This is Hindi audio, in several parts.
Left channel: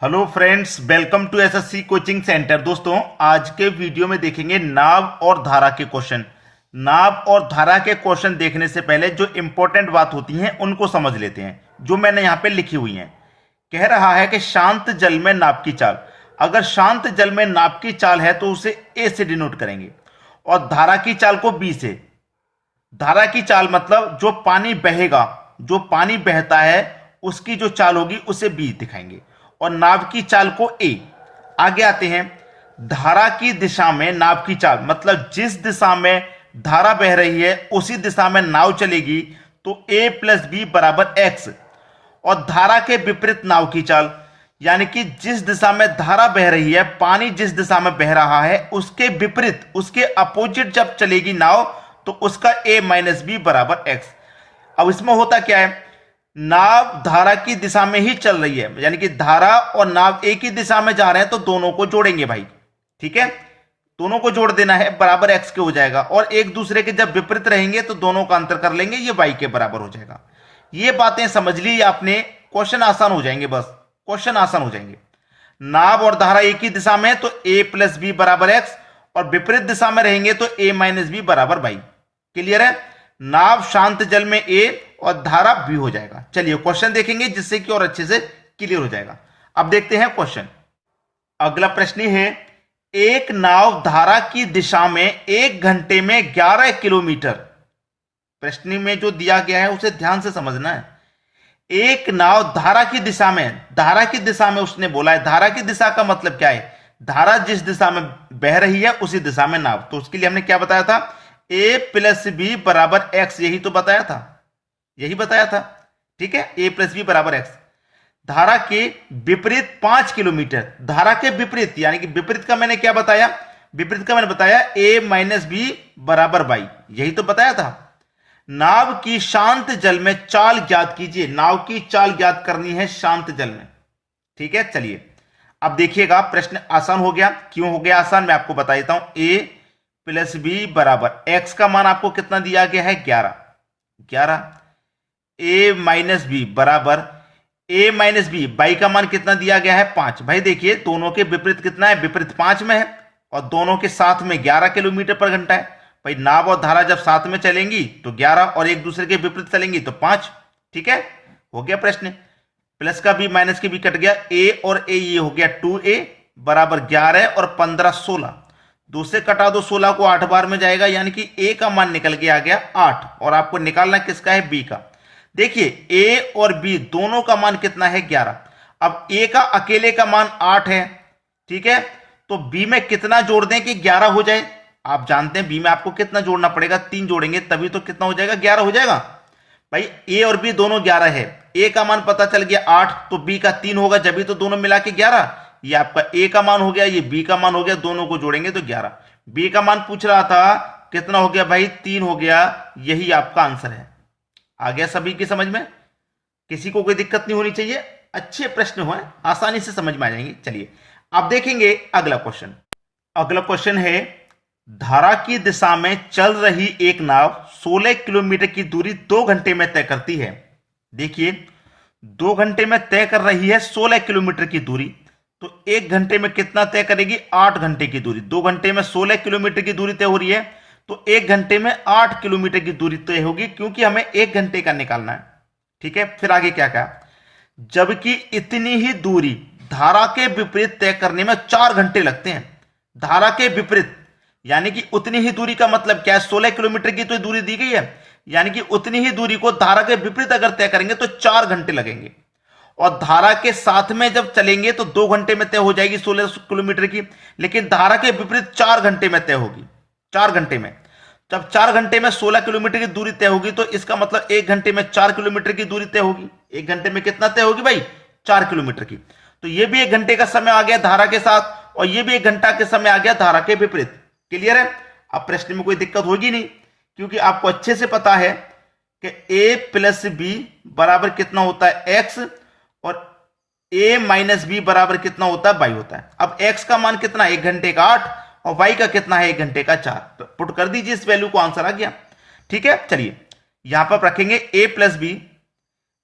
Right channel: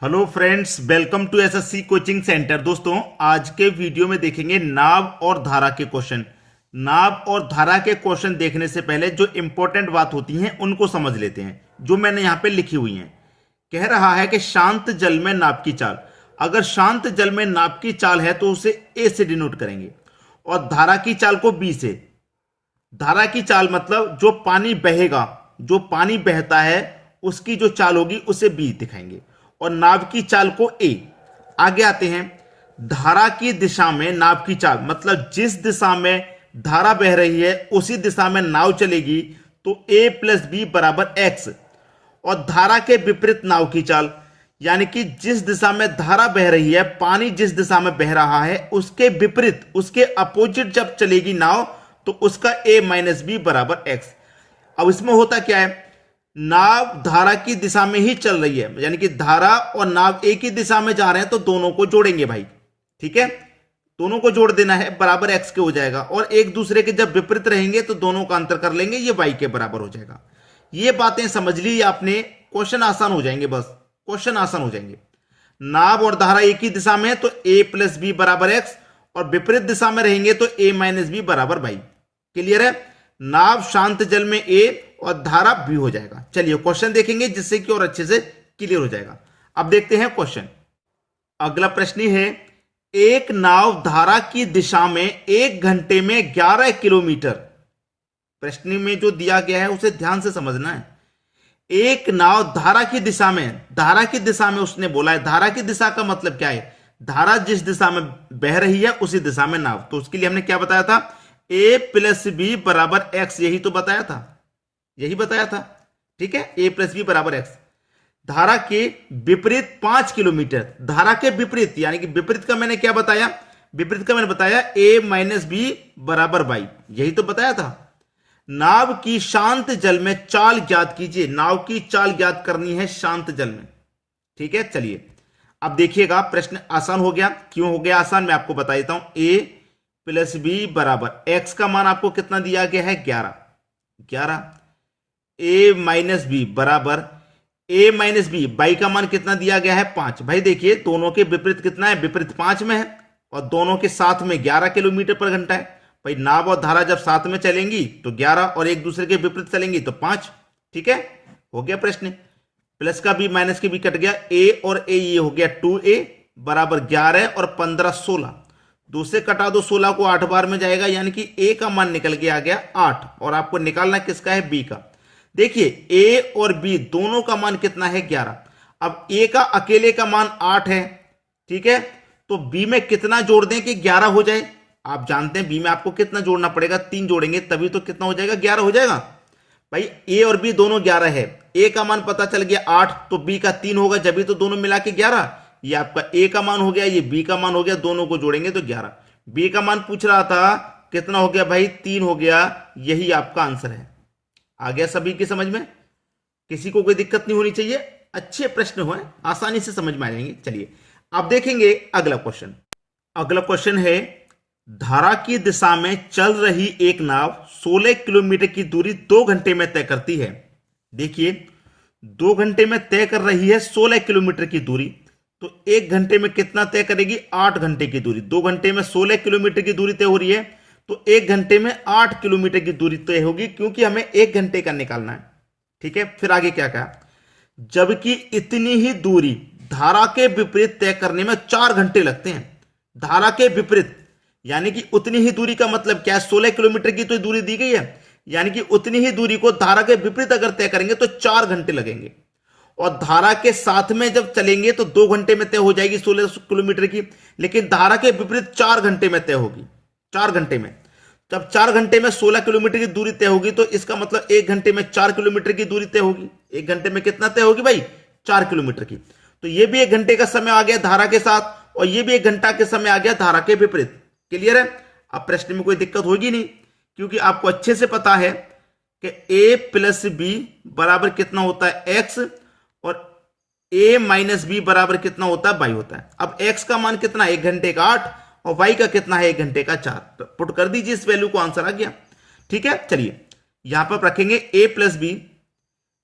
Hello friends, welcome to SSC coaching centre. दोस्तों, आज के वीडियो में देखेंगे नाव और धारा के क्वेश्चन। नाव और धारा के क्वेश्चन देखने से पहले जो इंपॉर्टेंट बात होती हैं उनको समझ लेते हैं, जो मैंने यहाँ पे लिखी हुई हैं। कह रहा है कि शांत जल में नाव की चाल। अगर शांत जल में नाव की चाल है तो उसे ए से डिनोट करेंगे और धारा की चाल को बी से। धारा की चाल मतलब जो पानी बहेगा, जो पानी बहता है उसकी जो चाल होगी उसे बी दिखाएंगे और नाव की चाल को ए। आगे आते हैं, धारा की दिशा में नाव की चाल मतलब जिस दिशा में धारा बह रही है उसी दिशा में नाव चलेगी, तो ए प्लस बी बराबर एक्स। और धारा के विपरीत नाव की चाल यानी कि जिस दिशा में धारा बह रही है, पानी जिस दिशा में बह रहा है उसके विपरीत, उसके अपोजिट जब चलेगी नाव तो उसका ए माइनस बी बराबर एक्स। अब इसमें होता क्या है, नाव धारा की दिशा में ही चल रही है, यानी कि धारा और नाव एक ही दिशा में जा रहे हैं तो दोनों को जोड़ेंगे भाई। ठीक है, दोनों को जोड़ देना है, बराबर एक्स के हो जाएगा। और एक दूसरे के जब विपरीत रहेंगे तो दोनों का अंतर कर लेंगे, ये वाई के बराबर हो जाएगा। ये बातें समझ ली आपने, क्वेश्चन आसान हो जाएंगे, बस क्वेश्चन आसान हो जाएंगे। नाव और धारा एक ही दिशा में तो ए प्लस बी बराबर एक्स, और विपरीत दिशा में रहेंगे तो ए माइनस बी बराबर वाई। क्लियर है? नाव शांत जल में ए और धारा बी हो जाएगा। चलिए क्वेश्चन देखेंगे जिससे कि और अच्छे से क्लियर हो जाएगा। अब देखते हैं क्वेश्चन। अगला प्रश्न है, एक नाव धारा की दिशा में 1 घंटे में 11 किलोमीटर। प्रश्न में जो दिया गया है उसे ध्यान से समझना है। एक नाव धारा की दिशा में, धारा की दिशा में उसने बोला है। धारा की दिशा का मतलब क्या है? धारा जिस दिशा में बह रही है उसी दिशा में नाव। तो उसके लिए हमने क्या बताया था? ए प्लस बी बराबर एक्स, यही तो बताया था, यही बताया था। ठीक है, ए प्लस बी बराबर एक्स। धारा के विपरीत 5 किलोमीटर, धारा के विपरीत यानी कि विपरीत का मैंने क्या बताया? विपरीत का मैंने बताया ए माइनस बी बराबर वाई, यही तो बताया था। नाव की शांत जल में चाल ज्ञात कीजिए। नाव की चाल ज्ञात करनी है शांत जल में। ठीक है, चलिए अब देखिएगा, प्रश्न आसान हो गया। क्यों हो गया आसान, मैं आपको बता देता हूं। ए प्लस बी बराबर एक्स का मान आपको कितना दिया गया है? 11। ए माइनस बी बराबर ए माइनस बी, बाई का मान कितना दिया गया है? 5। भाई देखिए, दोनों के विपरीत कितना है? विपरीत 5 में है और दोनों के साथ में 11 किलोमीटर पर घंटा है। भाई नाव और धारा जब साथ में चलेंगी तो 11 और एक दूसरे के विपरीत चलेंगी तो 5। ठीक है, हो गया प्रश्न। प्लस का बी माइनस के बी कट गया, ए और ए ये हो गया 2a बराबर 11 और 15 16। 2 से कटा दो, 16 को 8 बार में जाएगा, यानी कि ए का मान निकल के आ गया 8। और आपको निकालना किसका है? बी का। देखिए ए और बी दोनों का मान कितना है? 11। अब ए का अकेले का मान 8 है। ठीक है, तो बी में कितना जोड़ दें कि 11 हो जाए? आप जानते हैं बी में आपको कितना जोड़ना पड़ेगा? 3 जोड़ेंगे तभी तो कितना हो जाएगा? 11 हो जाएगा। भाई ए और बी दोनों 11 है, ए का मान पता चल गया 8, तो बी का 3 होगा, जब भी तो दोनों मिला के 11। ये आपका ए का मान हो गया, ये बी का मान हो गया, दोनों को जोड़ेंगे तो 11। बी का मान पूछ रहा था कितना हो गया? भाई 3 हो गया, यही आपका आंसर है। आ गया सभी की समझ में? किसी को कोई दिक्कत नहीं होनी चाहिए, अच्छे प्रश्न हुए, आसानी से समझ में आ जाएंगे। चलिए अब देखेंगे अगला क्वेश्चन। अगला क्वेश्चन है, धारा की दिशा में चल रही एक नाव 16 किलोमीटर की दूरी 2 घंटे में तय करती है। देखिए 2 घंटे में तय कर रही है 16 किलोमीटर की दूरी, तो 1 घंटे में कितना तय करेगी? 8 घंटे की दूरी। 2 घंटे में 16 किलोमीटर की दूरी तय हो रही है, तो 1 घंटे में 8 किलोमीटर की दूरी तय होगी, क्योंकि हमें 1 घंटे का निकालना है। ठीक है, फिर आगे क्या कहा? जबकि इतनी ही दूरी धारा के विपरीत तय करने में 4 घंटे लगते हैं। धारा के विपरीत यानी कि उतनी ही दूरी का मतलब क्या है? 16 किलोमीटर की तो दूरी दी गई है, यानी कि उतनी ही दूरी को धारा के विपरीत अगर तय करेंगे तो 4 घंटे लगेंगे। और धारा के साथ में जब चलेंगे तो 2 घंटे में तय हो जाएगी 16 किलोमीटर की, लेकिन धारा के विपरीत 4 घंटे में तय होगी। 4 घंटे में, जब 4 घंटे में 16 किलोमीटर की दूरी तय होगी तो इसका मतलब 1 घंटे में 4 किलोमीटर की दूरी तय होगी। 1 घंटे में कितना तय होगी भाई? 4 किलोमीटर की। तो यह भी 1 घंटे का समय आ गया धारा के साथ, और यह भी 1 घंटा के समय आ गया धारा के विपरीत। क्लियर है? अब प्रश्न में कोई दिक्कत होगी नहीं, क्योंकि आपको अच्छे से पता है कि ए प्लस बी बराबर कितना होता है? एक्स, और ए माइनस बी बराबर कितना होता है? वाई होता है। अब एक्स का मान कितना है? 1 घंटे का 8, और वाई का कितना है? 1 घंटे का 4। तो पुट कर दीजिए इस वैल्यू को, आंसर आ गया। ठीक है, चलिए यहां पर रखेंगे ए प्लस बी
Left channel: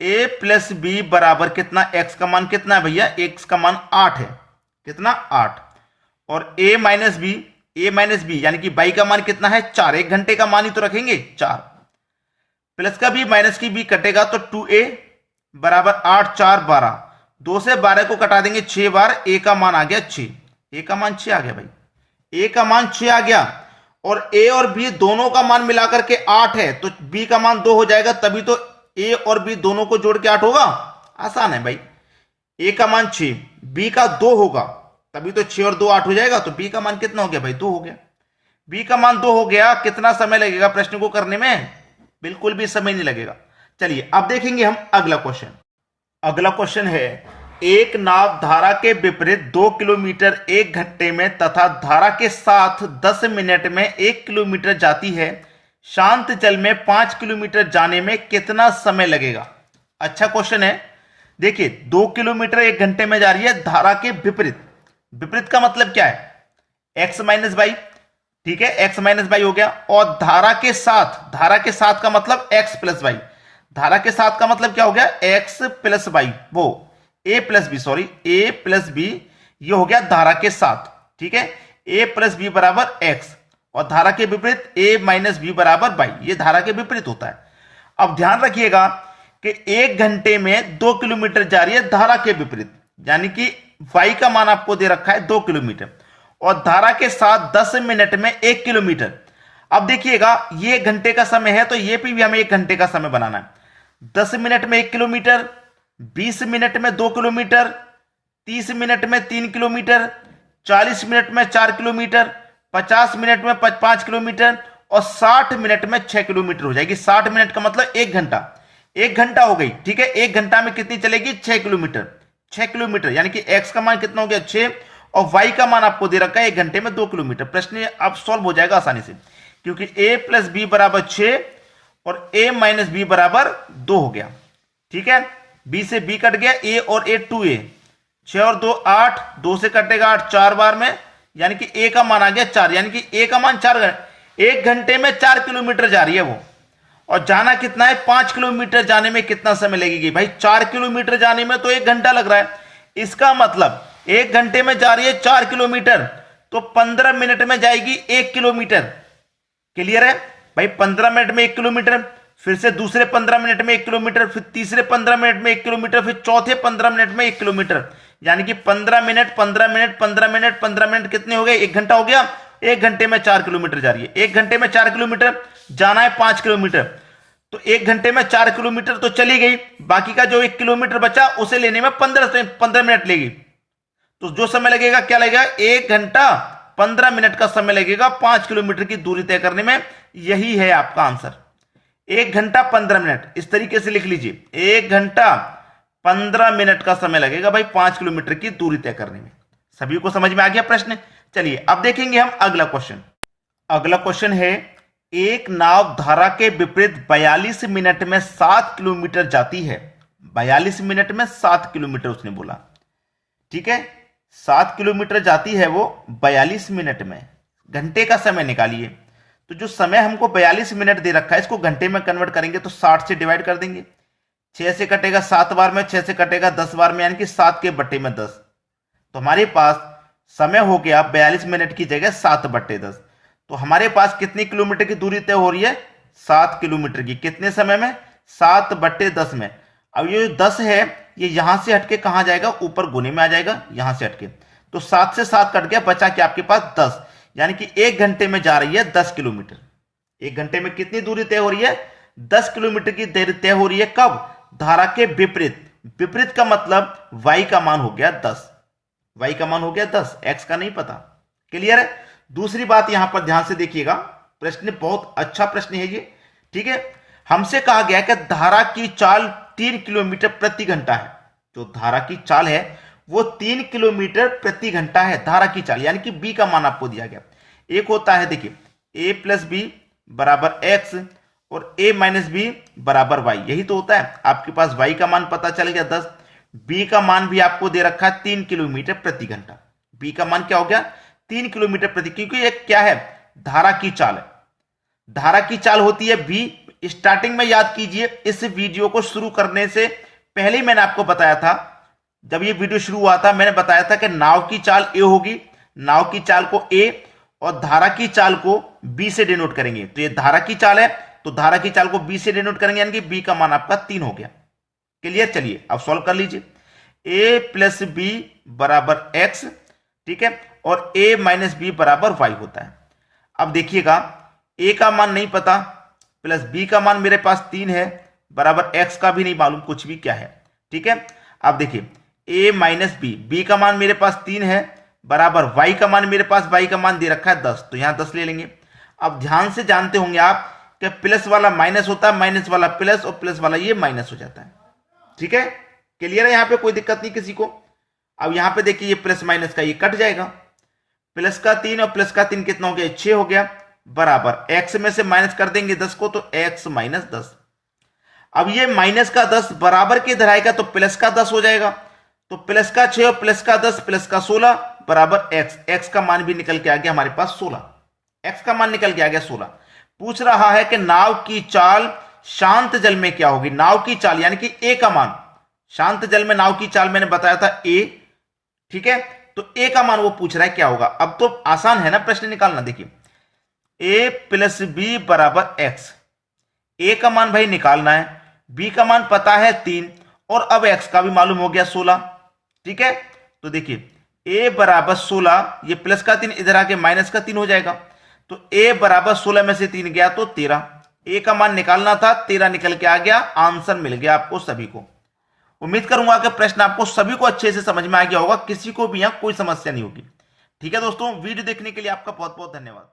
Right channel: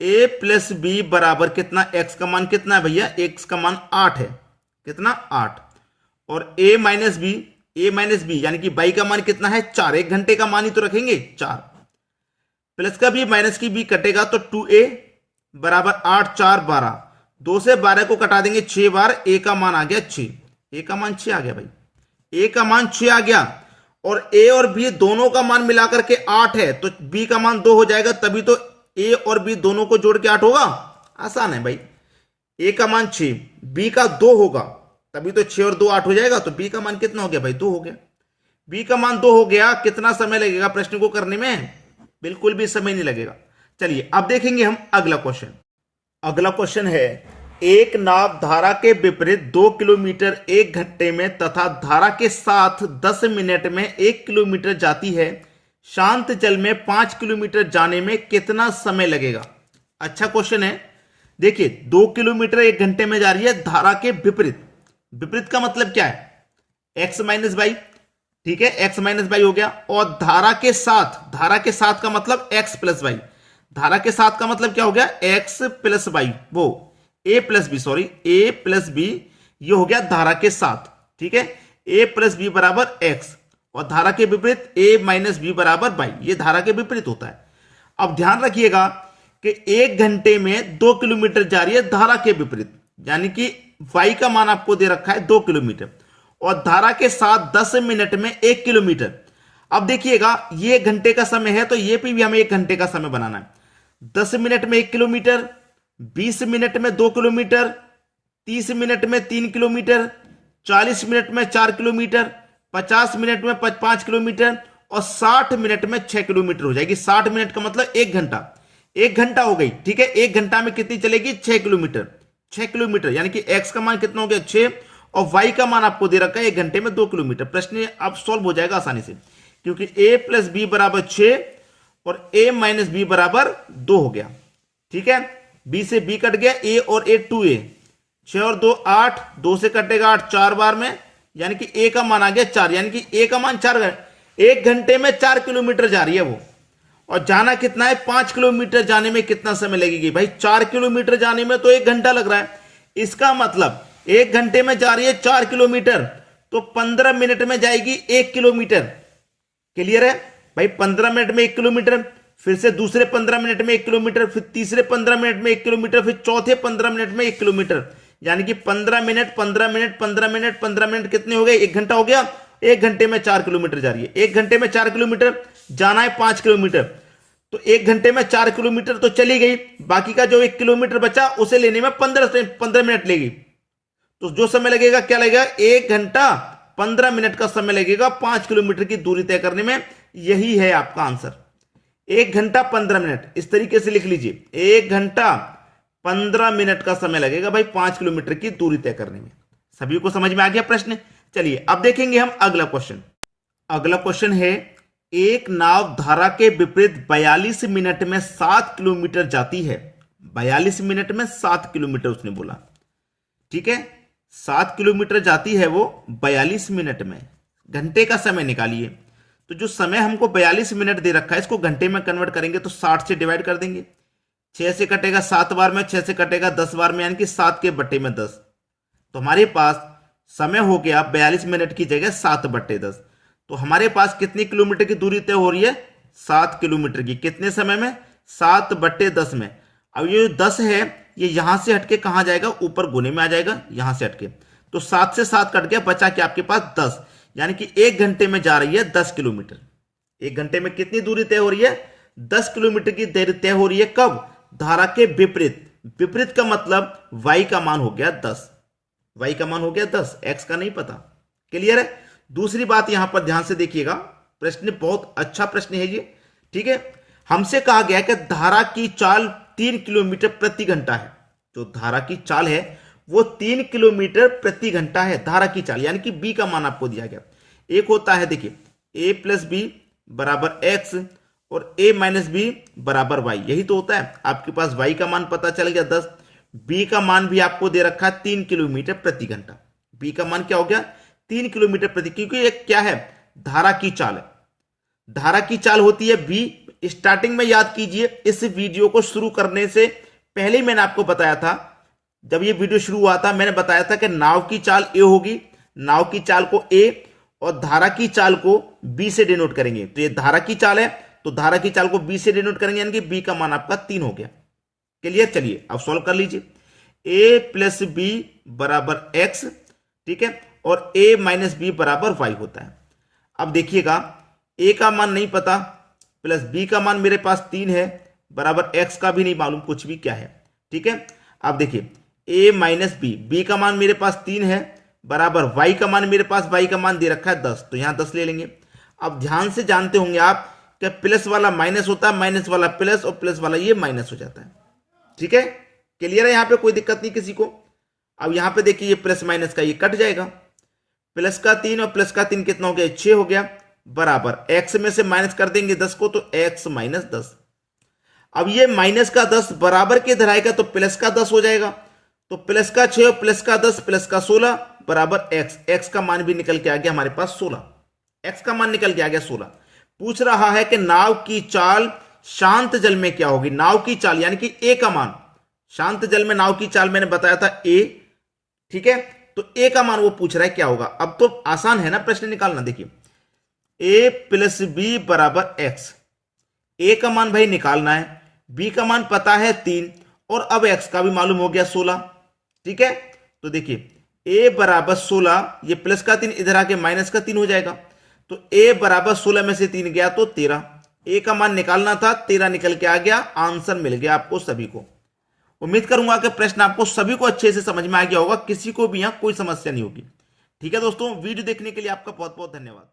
ए प्लस बी बराबर कितना, एक्स का मान कितना है भैया, एक्स का मान 8 है, कितना 8, और ए माइनस बी यानी कि बाई का मान कितना है 4, 1 घंटे का मान ही तो रखेंगे 4, प्लस का बी माइनस की बी कटेगा तो 2a बराबर 8 4 12, 2 से 12 को कटा देंगे 6 बार, ए का मान आ गया 6, ए का मान 6 आ गया भाई, ए का मान 6 आ गया, और ए और बी दोनों का मान मिलाकर के 8 है तो बी का मान 2 हो जाएगा, तभी तो ए और बी दोनों को जोड़ के 8 होगा, आसान है भाई। ए का मान 6, बी का 2 होगा, तभी तो 6 और 2 8 हो जाएगा, तो बी का मान कितना हो गया भाई, 2 हो गया। बी का मान 2 हो गया, कितना समय लगेगा प्रश्न को करने में, बिल्कुल भी समय नहीं लगेगा। चलिए अब देखेंगे हम अगला क्वेश्चन। अगला क्वेश्चन है, एक नाव धारा के विपरीत 2 किलोमीटर 1 घंटे में तथा धारा के साथ 10 मिनट में 1 किलोमीटर जाती है, शांत जल में 5 किलोमीटर जाने में कितना समय लगेगा। अच्छा क्वेश्चन है। देखिए 2 किलोमीटर 1 घंटे में जा रही है धारा के विपरीत, विपरीत का मतलब क्या है, एक्स माइनस वाई, ठीक है, एक्स माइनस वाई हो गया, और धारा के साथ का मतलब एक्स प्लस वाई, धारा के साथ का मतलब क्या हो गया, एक्स प्लस वाई, वो ए प्लस बी, सॉरी ए प्लस बी, ये हो गया धारा के साथ, ठीक है, ए प्लस बी बराबर एक्स, और धारा के विपरीत ए माइनस बी बराबर वाई, ये धारा के विपरीत होता है। अब ध्यान रखिएगा कि 1 घंटे में 2 किलोमीटर जा रही है धारा के विपरीत, यानी कि वाई का मान आपको दे रखा है 2 किलोमीटर, और धारा के साथ 10 मिनट में 1 किलोमीटर। अब देखिएगा ये घंटे का समय है, तो ये भी हमें 1 घंटे का समय बनाना है। 10 मिनट में 1 किलोमीटर, 20 मिनट में 2 किलोमीटर, 30 मिनट में 3 किलोमीटर, 40 मिनट में 4 किलोमीटर, 50 मिनट में 5 किलोमीटर, और 60 मिनट में 6 किलोमीटर हो जाएगी। 60 मिनट का मतलब 1 घंटा, 1 घंटा हो गई, ठीक है। 1 घंटा में कितनी चलेगी, 6 किलोमीटर, 6 किलोमीटर, यानी कि एक्स का मान कितना हो गया 6, और वाई का मान आपको दे रखा है 1 घंटे में 2 किलोमीटर। प्रश्न अब सॉल्व हो जाएगा आसानी से, क्योंकि ए प्लस बी बराबर 6 और ए माइनस बी बराबर 2 हो गया, ठीक है। बी से बी कट गया, ए और ए 2a, 6 और 2 8, 2 से कटेगा 8 4 बार में, यानी कि ए का मान आ गया 4, यानी कि ए का मान 4, 1 घंटे में 4 किलोमीटर जा रही है वो, और जाना कितना है 5 किलोमीटर जाने में कितना समय लगेगी भाई, 4 किलोमीटर जाने में तो 1 घंटा लग रहा है। इसका मतलब 1 घंटे में जा रही है 4 किलोमीटर, तो 15 मिनट में जाएगी 1 किलोमीटर। क्लियर है भाई, 15 मिनट में 1 किलोमीटर, फिर से दूसरे 15 मिनट में 1 किलोमीटर, फिर तीसरे 15 मिनट में 1 किलोमीटर, फिर चौथे 15 मिनट में 1 किलोमीटर, यानी कि 15 मिनट 15 मिनट 15 मिनट 15 मिनट कितने हो गए, 1 घंटा हो गया। 1 घंटे में 4 किलोमीटर जा रही है, 1 घंटे में 4 किलोमीटर, जाना है 5 किलोमीटर, तो 1 घंटे में 4 किलोमीटर तो चली गई, बाकी का जो 1 किलोमीटर बचा उसे लेने में 15 मिनट लेगी, तो जो समय लगेगा क्या लगेगा, 1 घंटा 15 मिनट का समय लगेगा 5 किलोमीटर की दूरी तय करने में। यही है आपका आंसर, 1 घंटा 15 मिनट, इस तरीके से लिख लीजिए, 1 घंटा 15 मिनट का समय लगेगा भाई 5 किलोमीटर की दूरी तय करने में। सभी को समझ में आ गया प्रश्न। चलिए अब देखेंगे हम अगला क्वेश्चन। अगला क्वेश्चन है, एक नाव धारा के विपरीत 42 मिनट में 7 किलोमीटर जाती है, 42 मिनट में 7 किलोमीटर उसने बोला, ठीक है, 7 किलोमीटर जाती है वो 42 मिनट में, घंटे का समय निकालिए। तो जो समय हमको 42 मिनट दे रखा है, इसको घंटे में कन्वर्ट करेंगे तो 60 से डिवाइड कर देंगे, 6 से कटेगा 7 बार में, 6 से कटेगा 10 बार में, यानी कि 7 के बट्टे में 10, तो हमारे पास समय हो गया 42 मिनट की जगह 7 बट्टे 10। तो हमारे पास कितनी किलोमीटर की दूरी तय हो रही है, 7 किलोमीटर की, कितने समय में, 7 बट्टे 10 में। अब ये 10 है, ये यहां से हटके कहां जाएगा, ऊपर गुने में आ जाएगा, यहां से हटके, तो 7 से 7 कट गया, बचा क्या आपके पास 10, यानी कि 1 घंटे में जा रही है 10 किलोमीटर। 1 घंटे में कितनी दूरी तय हो रही है, 10 किलोमीटर की दूरी तय हो रही है। कब, धारा के विपरीत, विपरीत का मतलब वाई का मान हो गया 10, वाई का मान हो गया 10, एक्स का नहीं पता। क्लियर है। दूसरी बात यहां पर ध्यान से देखिएगा, प्रश्न बहुत अच्छा प्रश्न है ये, ठीक है। हमसे कहा गया कि धारा की चाल 3 किलोमीटर प्रति घंटा है, जो धारा की चाल है वो 3 किलोमीटर प्रति घंटा है, धारा की चाल, यानी कि बी का मान आपको दिया गया। एक होता है देखिए ए प्लस बी बराबर एक्स और ए माइनस बी बराबर वाई, यही तो होता है। आपके पास वाई का मान पता चल गया 10, बी का मान भी आपको दे रखा है 3 किलोमीटर प्रति घंटा, बी का मान क्या हो गया 3 किलोमीटर प्रति, क्योंकि ये क्या है, धारा की चाल है। धारा की चाल होती है बी स्टार्टिंग में याद कीजिए, इस वीडियो को शुरू करने से पहले ही मैंने आपको बताया था, जब ये वीडियो शुरू हुआ था मैंने बताया था कि नाव की चाल ए होगी, नाव की चाल को ए और धारा की चाल को बी से डिनोट करेंगे। तो ये धारा की चाल है, तो धारा की चाल को बी से डिनोट करेंगे, यानी कि बी का मान आपका 3 हो गया। क्लियर? चलिए अब सॉल्व कर लीजिए। ए प्लस बी बराबर एक्स, ठीक है, और ए माइनस बी बराबर वाई होता है। अब देखिएगा, ए का मान नहीं पता, प्लस बी का मान मेरे पास 3 है, बराबर एक्स का भी नहीं मालूम कुछ भी क्या है, ठीक है। अब देखिए ए माइनस बी, बी का मान मेरे पास 3 है, बराबर वाई का मान मेरे पास, वाई का मान दे रखा है 10, तो यहां 10 ले लेंगे। अब ध्यान से जानते होंगे आप कि प्लस वाला माइनस होता है, माइनस वाला प्लस, और प्लस वाला ये माइनस हो जाता है, ठीक है। क्लियर है? यहां पे कोई दिक्कत नहीं किसी को। अब यहां पे देखिए, ये प्लस माइनस का ये कट जाएगा, प्लस का 3 और प्लस का 3 कितना हो गया? 6 हो गया, बराबर एक्स में से माइनस कर देंगे 10 को, तो एक्स माइनस 10। अब ये माइनस का 10 बराबर के इधर आएगा तो प्लस का 10 हो जाएगा, तो प्लस का 6 और प्लस का 10 प्लस का 16 बराबर एक्स। एक्स का मान भी निकल के आ गया हमारे पास 16, एक्स का मान निकल के आ गया 16। पूछ रहा है कि नाव की चाल शांत जल में क्या होगी। नाव की चाल यानी कि ए का मान, शांत जल में नाव की चाल मैंने बताया था ए, ठीक है, तो ए का मान वो पूछ रहा है क्या होगा। अब तो आसान है ना प्रश्न निकालना। देखिए ए प्लस बी बराबर एक्स, ए का मान भाई निकालना है, बी का मान पता है 3, और अब एक्स का भी मालूम हो गया 16, ठीक है। तो देखिए ए बराबर 16, ये प्लस का 3 इधर आके माइनस का 3 हो जाएगा, तो ए बराबर 16 में से 3 गया तो 13। ए का मान निकालना था, 13 निकल के आ गया, आंसर मिल गया आपको सभी को। उम्मीद करूंगा कि प्रश्न आपको सभी को अच्छे से समझ में आ गया होगा, किसी को भी यहां कोई समस्या नहीं होगी। ठीक है दोस्तों, वीडियो देखने के लिए आपका बहुत बहुत धन्यवाद।